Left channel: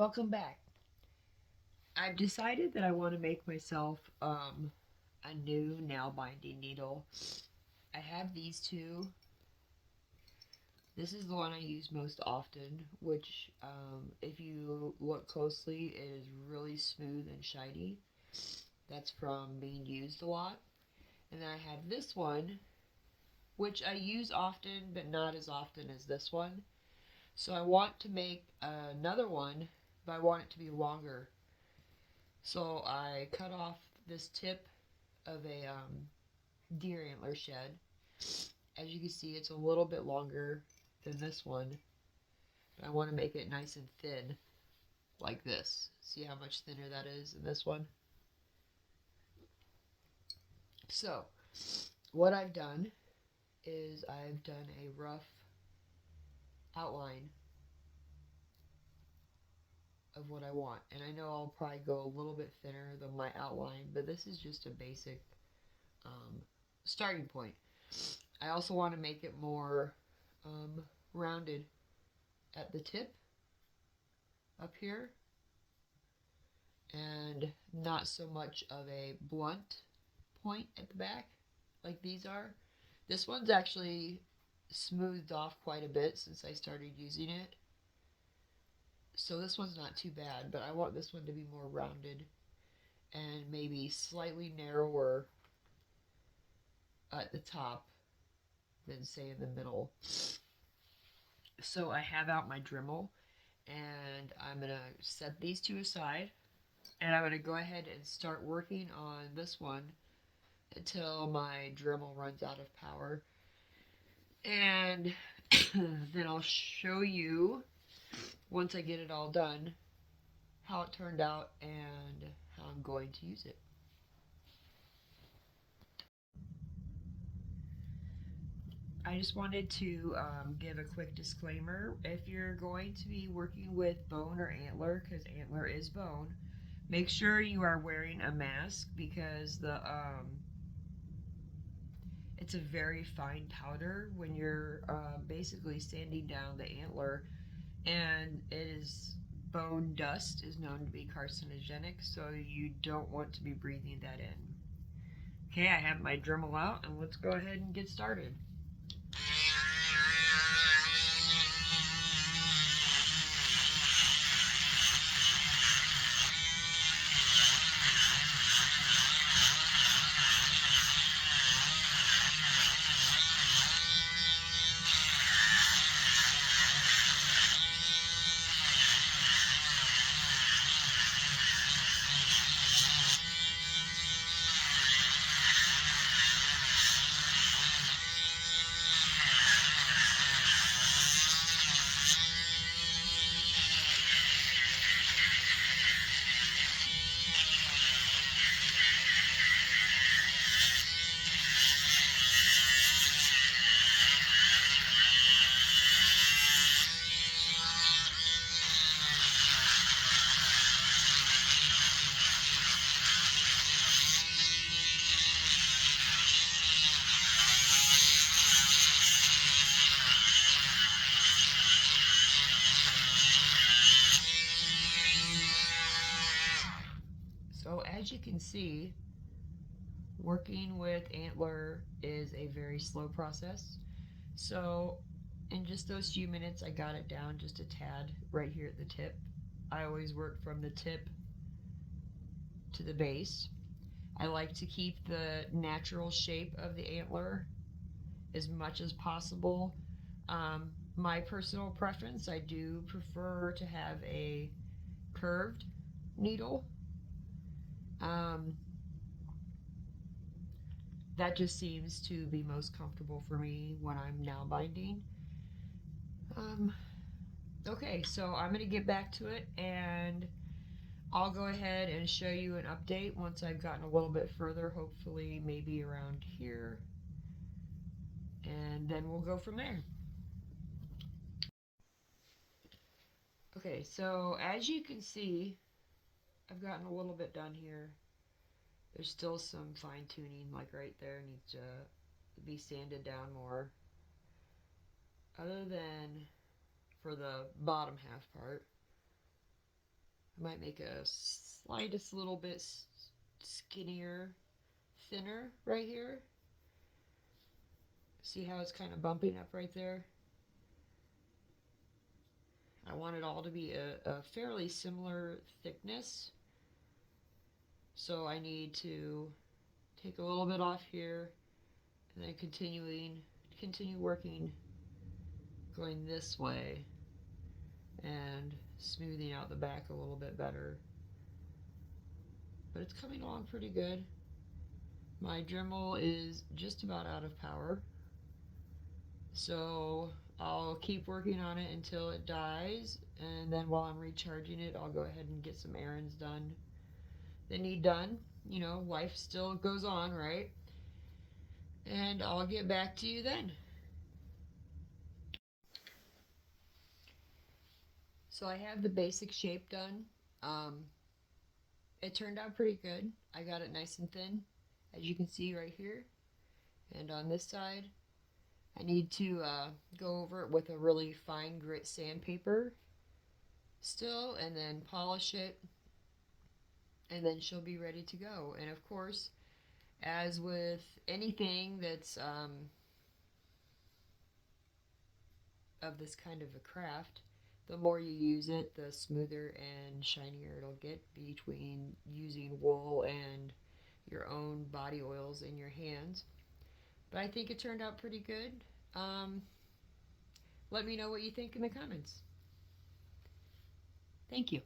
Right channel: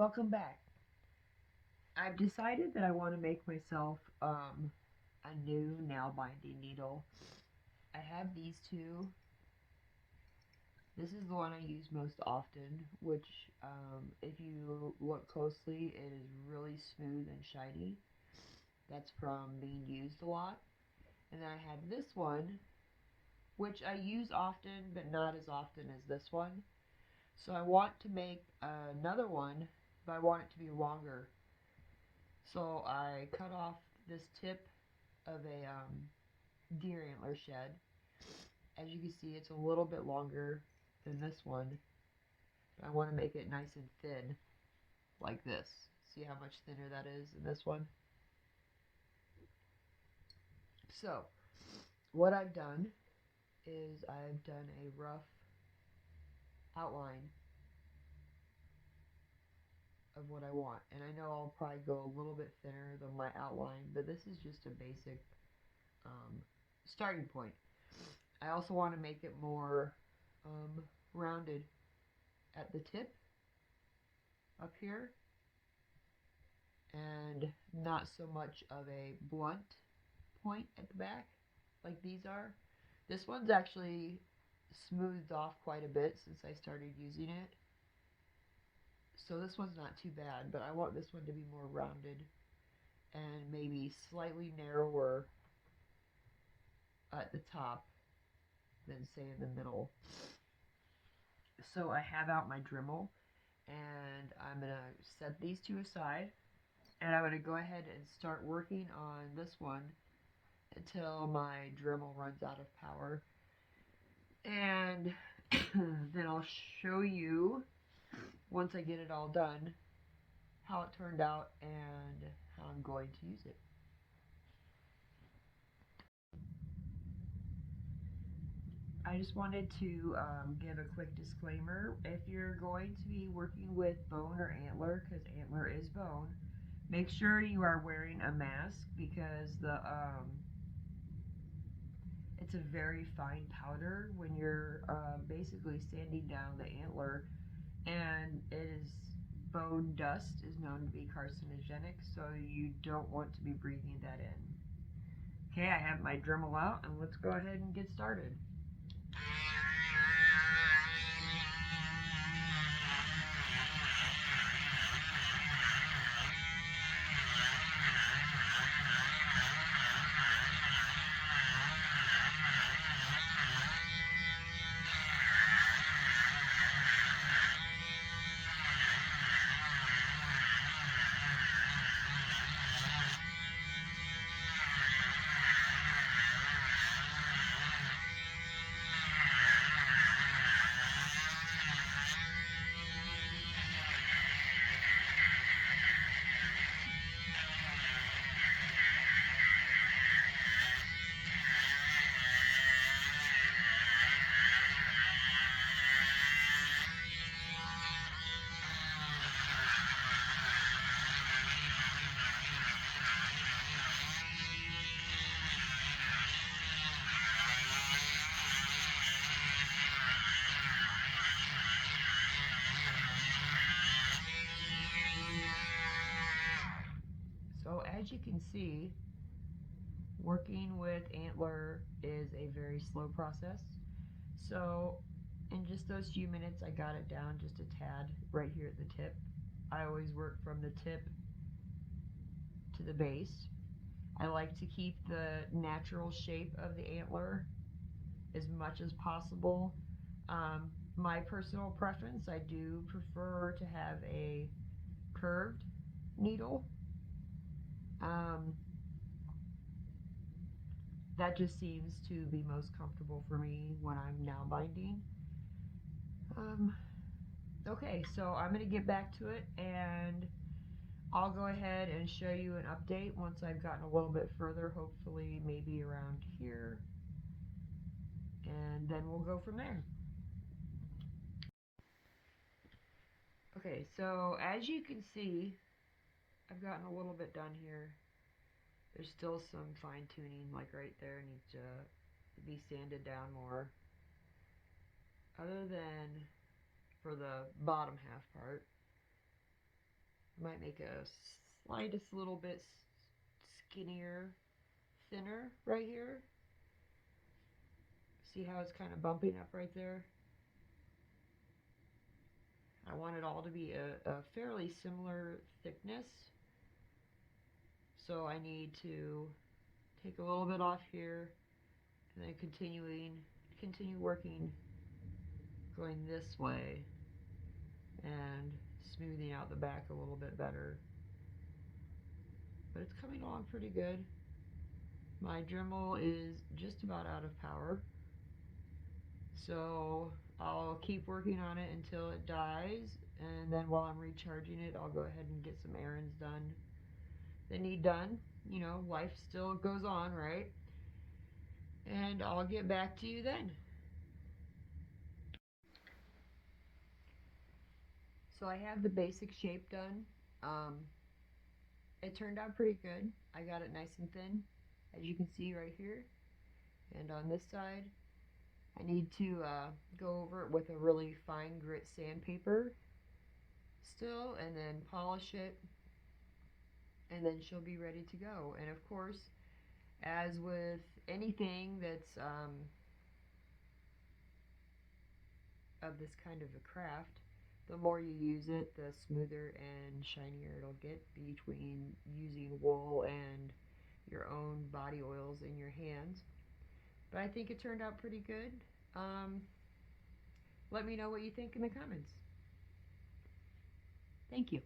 Welcome back. I've decided that I want to make myself a new nail binding needle. I have these two. This is the one I use most often, which, if you look closely, it is really smooth and shiny. That's from being used a lot. And then I have this one, which I use often, but not as often as this one. So I want to make another one, but I want it to be longer. So I cut off this tip of a deer antler shed. As you can see, it's a little bit longer than this one. But I want to make it nice and thin, like this. See how much thinner that is in this one? So, what I've done is I've done a rough outline of what I want. And I know I'll probably go a little bit thinner than my outline, but this is just a basic starting point. I also want to make it more rounded at the tip up here and not so much of a blunt point at the back like these are. This one's actually smoothed off quite a bit since I started using it. So this one's not too bad, but I want this one to be more rounded and maybe slightly narrower at the top than say in the middle. So I have out my Dremel and I'm going to set these two aside and I'm going to go ahead and start working on this one until my Dremel runs out of power. And then I'll show you, once I get it all done, how it turned out and how I'm going to use it. I just wanted to give a quick disclaimer. If you're going to be working with bone or antler, because antler is bone, make sure you are wearing a mask because it's a very fine powder when you're basically sanding down the antler, and it is bone dust is known to be carcinogenic, so you don't want to be breathing that in. Okay, I have my Dremel out, and let's go ahead and get started. So as you can see, working with antler is a very slow process. So in just those few minutes, I got it down just a tad right here at the tip. I always work from the tip to the base. I like to keep the natural shape of the antler as much as possible. My personal preference, I do prefer to have a curved needle. That just seems to be most comfortable for me when I'm nail binding. Okay, so I'm going to get back to it and I'll go ahead and show you an update once I've gotten a little bit further, hopefully maybe around here, and then we'll go from there. Okay, so as you can see, I've gotten a little bit done here. There's still some fine tuning, like right there, needs to be sanded down more. Other than for the bottom half part. Might make a slightest little bit skinnier, thinner right here. See how it's kind of bumping up right there? I want it all to be a fairly similar thickness. So I need to take a little bit off here and then continue working going this way and smoothing out the back a little bit better. But it's coming along pretty good. My Dremel is just about out of power, so I'll keep working on it until it dies, and then while I'm recharging it, I'll go ahead and get some errands done that need done. You know, life still goes on, right? And I'll get back to you then. So I have the basic shape done. It turned out pretty good. I got it nice and thin, as you can see right here. And on this side, I need to go over it with a really fine grit sandpaper still, and then polish it, and then she'll be ready to go. And of course, as with anything that's of this kind of a craft, the more you use it, the smoother and shinier it'll get between using wool and your own body oils in your hands. But I think it turned out pretty good. Let me know what you think in the comments. Thank you.